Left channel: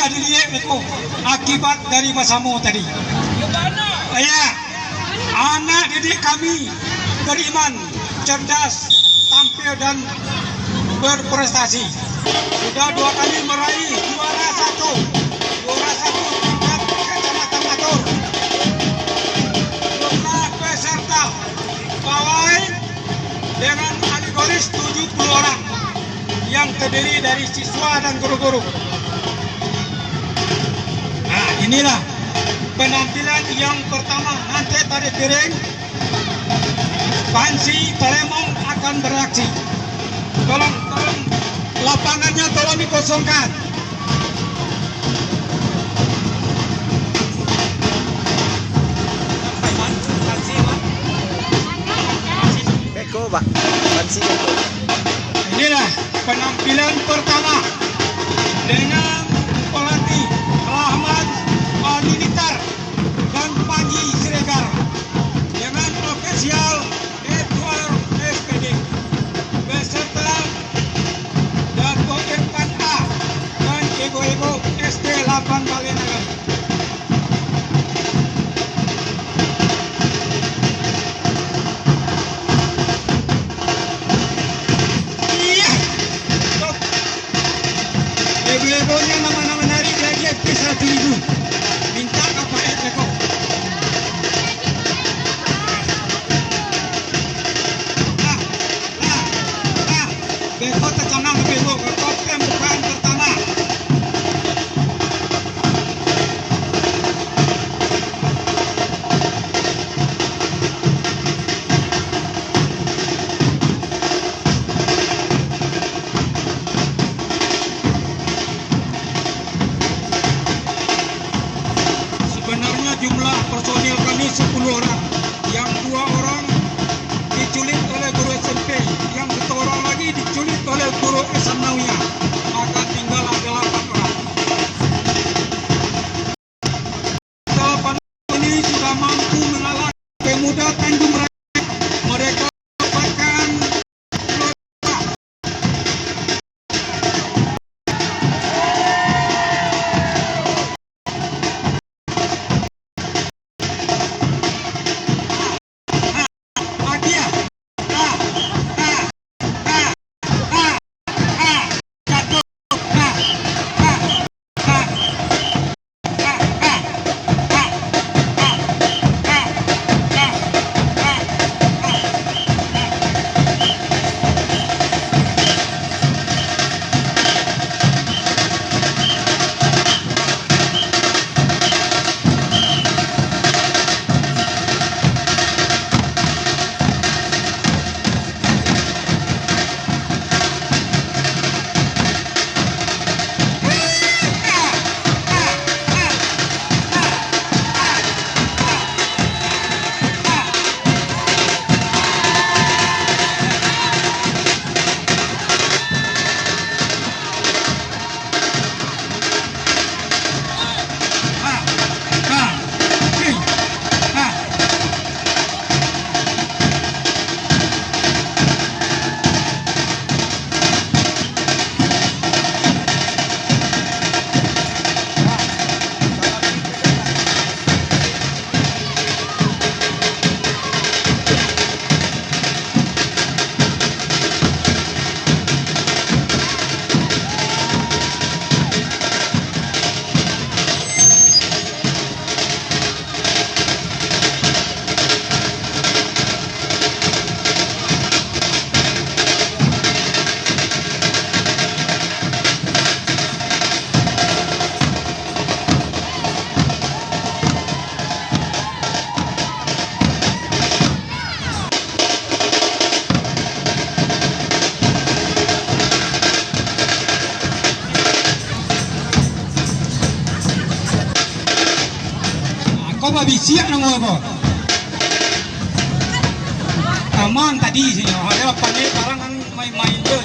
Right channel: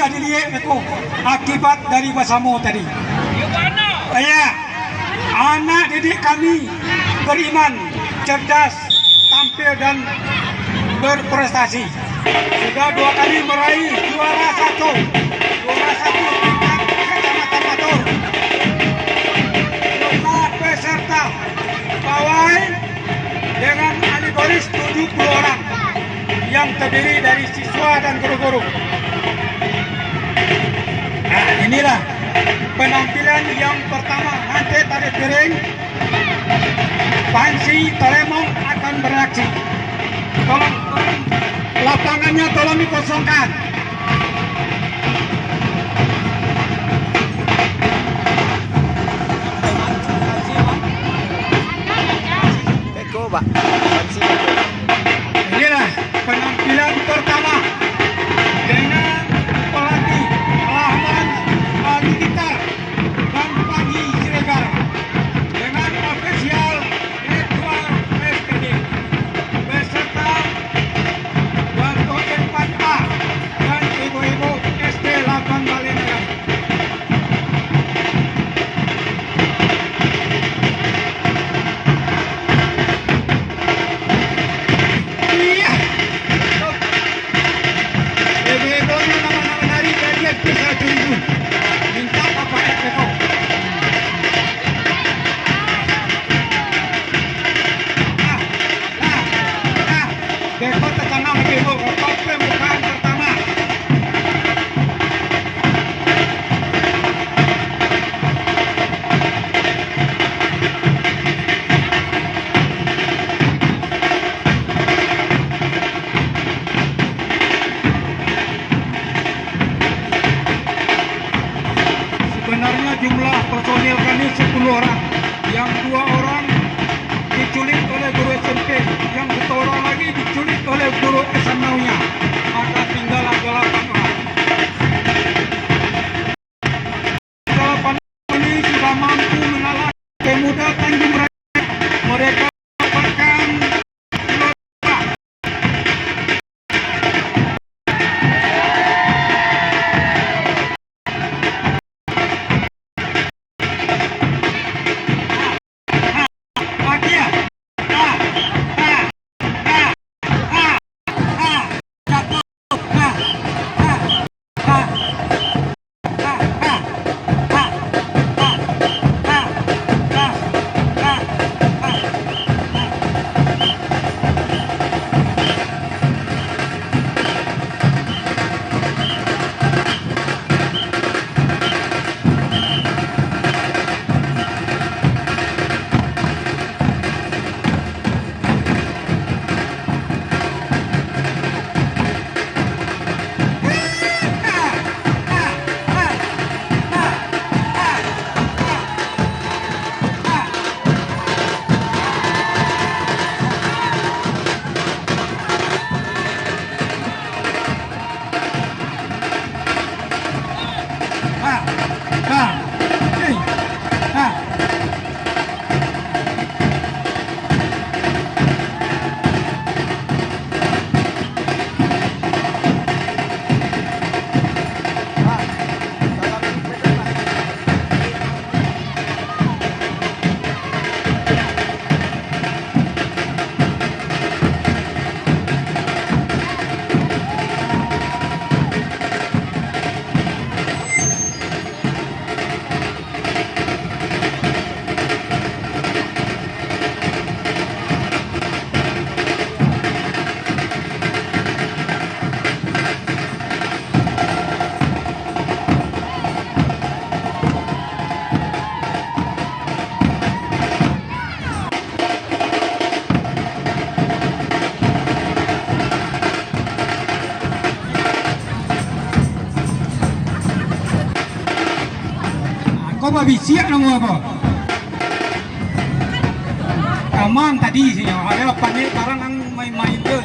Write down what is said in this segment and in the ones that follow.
sudah dilihat aku akibat dari bahasamu tadi. Ya, anak didik kami beriman, cerdas, tampil dan berprestasi. Sudah 2 kali meraih juara satu tingkat kecamatan Matur. Jumlah peserta pawai dengan kategoris 70 orang yang terdiri dari siswa dan guru-guru. Nah, inilah penampilan yang pertama. Nanti tari piring, Pansi Talempong akan bereaksi. Tolong, lapangannya tolong dikosongkan. Inilah penampilan pertama dengan pelatih Rahman Militer dan Panji Siregar dengan ofisial Edward SPD beserta Dato' Infanta dan ibu-ibu SD 8 Balai Nagari. Minta apa Eko? Eko tertanam Eko pembukaan pertama. Sebenarnya jumlah personil kami 10 orang, yang 2 orang diculik oleh guru SMP, yang 1 orang lagi diculik oleh guru SMA-nya, maka tinggal 8 orang. 8 ini sudah mampu mengalahkan pemuda Tanjung Raya. Mereka merupakan siap nang apa? Kamang tadi sih, ada panggil barang yang main-main tu.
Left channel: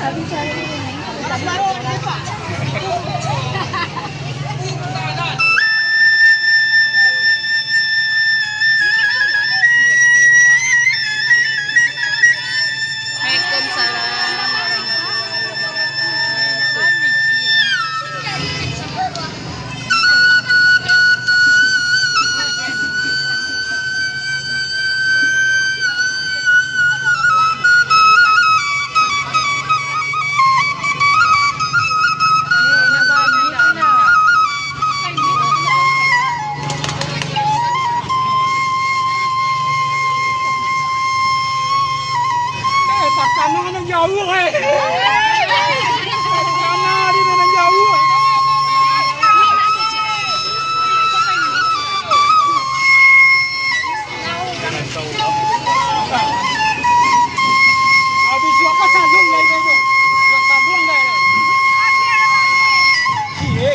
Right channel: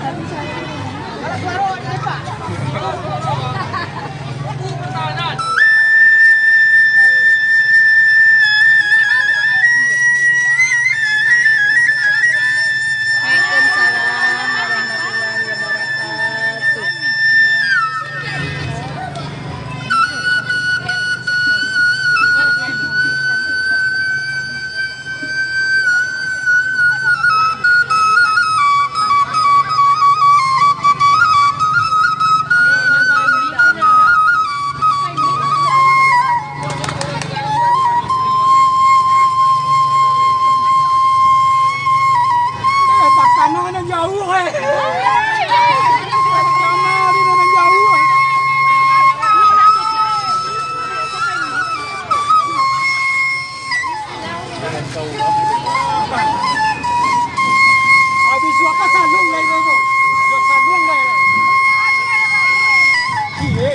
Waalaikumsalam warahmatullahi wabarakatuh. Karena yang jauh karena di mana jauh habis siapa saling ya itu saling deh iya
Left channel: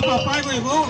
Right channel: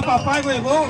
apa-apa ibu.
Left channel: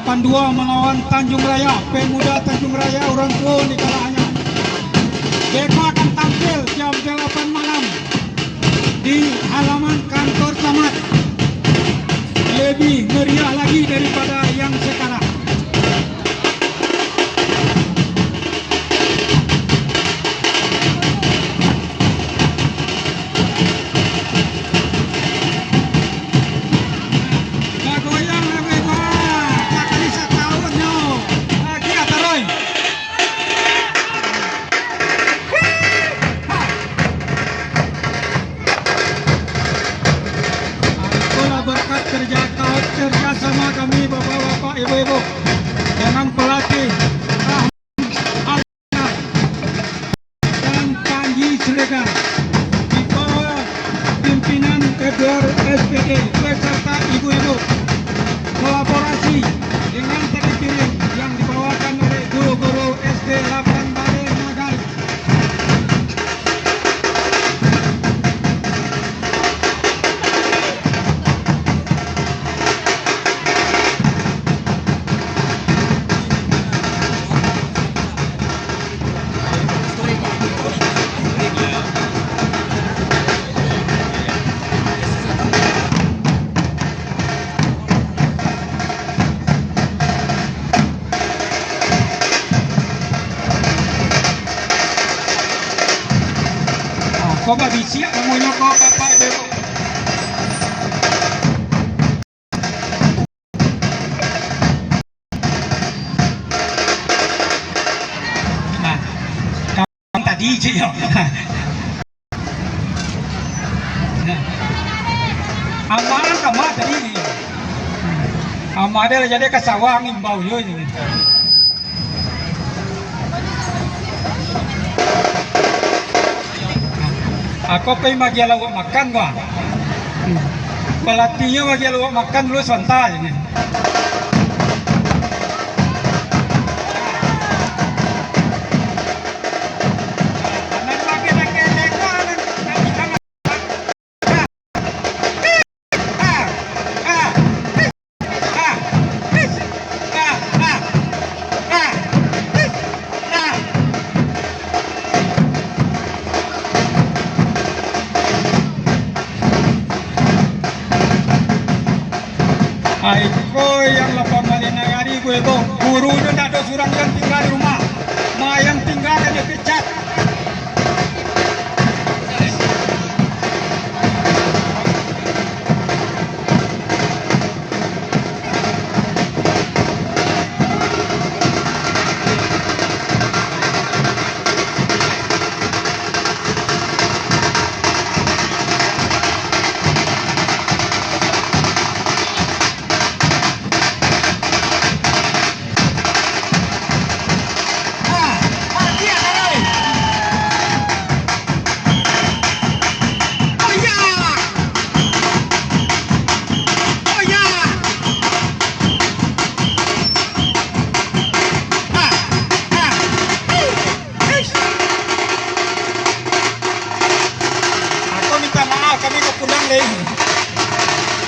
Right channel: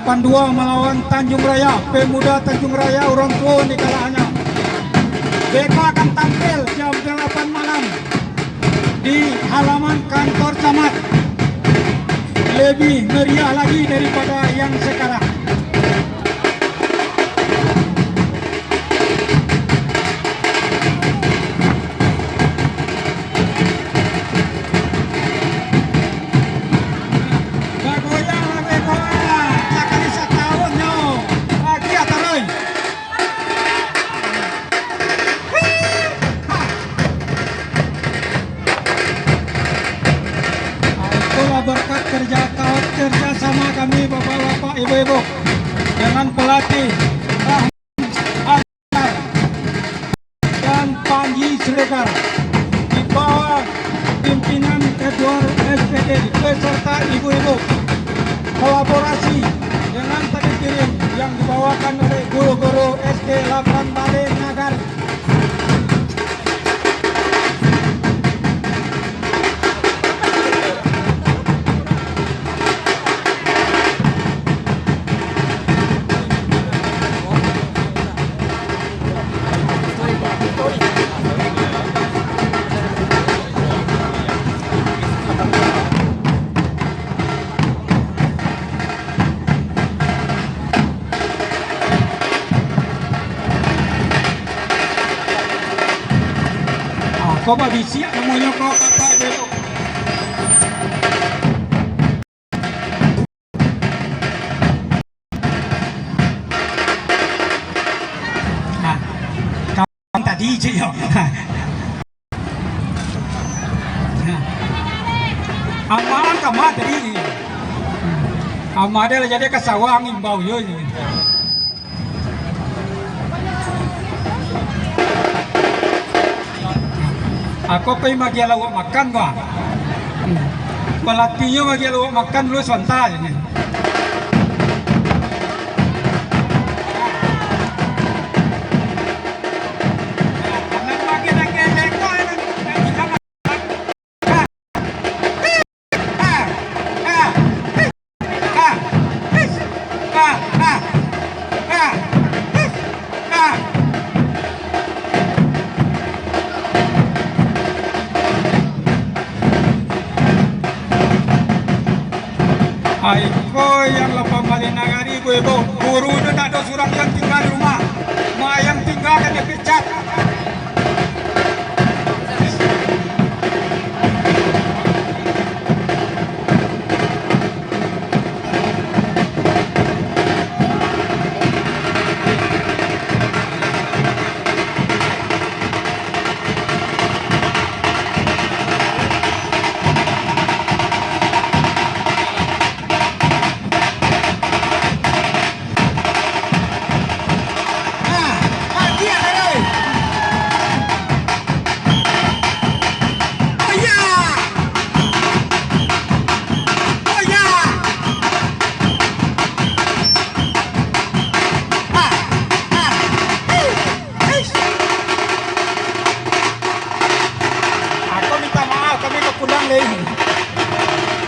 Tambua melawan Tanjung Raya, pemuda Tanjung Raya orang tua di kalahnya. Mereka akan tampil jam 8 malam di halaman kantor camat. Lebih meriah lagi daripada yang sekarang. Kau babisi namanya kau apa itu? Nah, kawan tadi je ya. Aman kama tadi. Amadel jadi ke sawah ngimbau yo ni. Aku pergi magi lawak makan gua. Pelatihnya magi lawak makan dulu sebentar ni. Aiko yang lepas balik Nagari gue itu guru itu tak ada surat yang tinggal di rumah, yang tinggal hanya pecat.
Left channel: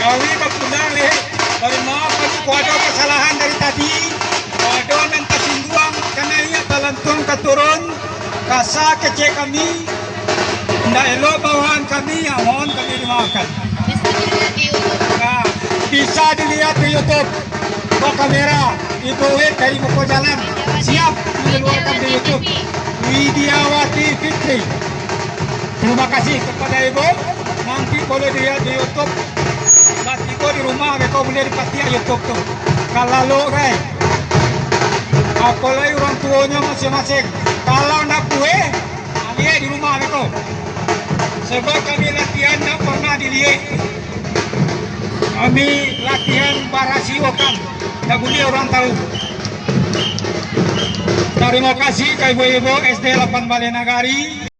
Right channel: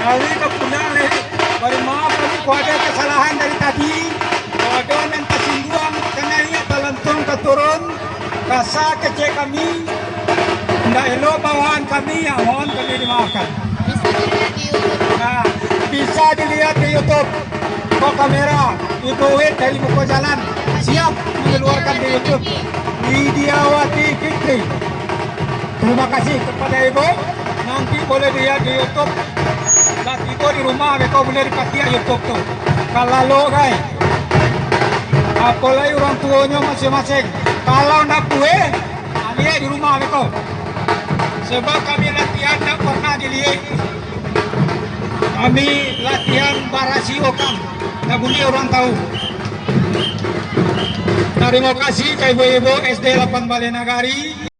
Kami kepunang leh, beri maaf kami ada kesalahan dari tadi. Ada yang tersinggung karena ini Talempong keturun, kasa kecil kami, tidak elok bawahan kami, ya mohon kami dimaafkan. Nah, bisa dilihat di YouTube, bawa kamera, itu dari muka jalan, siap mengeluarkan di YouTube. Widiawati Fitri. Terima kasih kepada Ibu. Nanti boleh dilihat di YouTube. Laki ko di rumah, kau boleh dipakai YouTube tuh. Kalau lo guys, apalagi orang tuanya masing-masing. Kalau nak kue, lihat di rumah kau. Sebab kami latihan tak pernah dilihat. Kami latihan barasiokan, tak boleh orang tahu. Terima kasih ke ibu-ibu SD 8 Balai Nagari.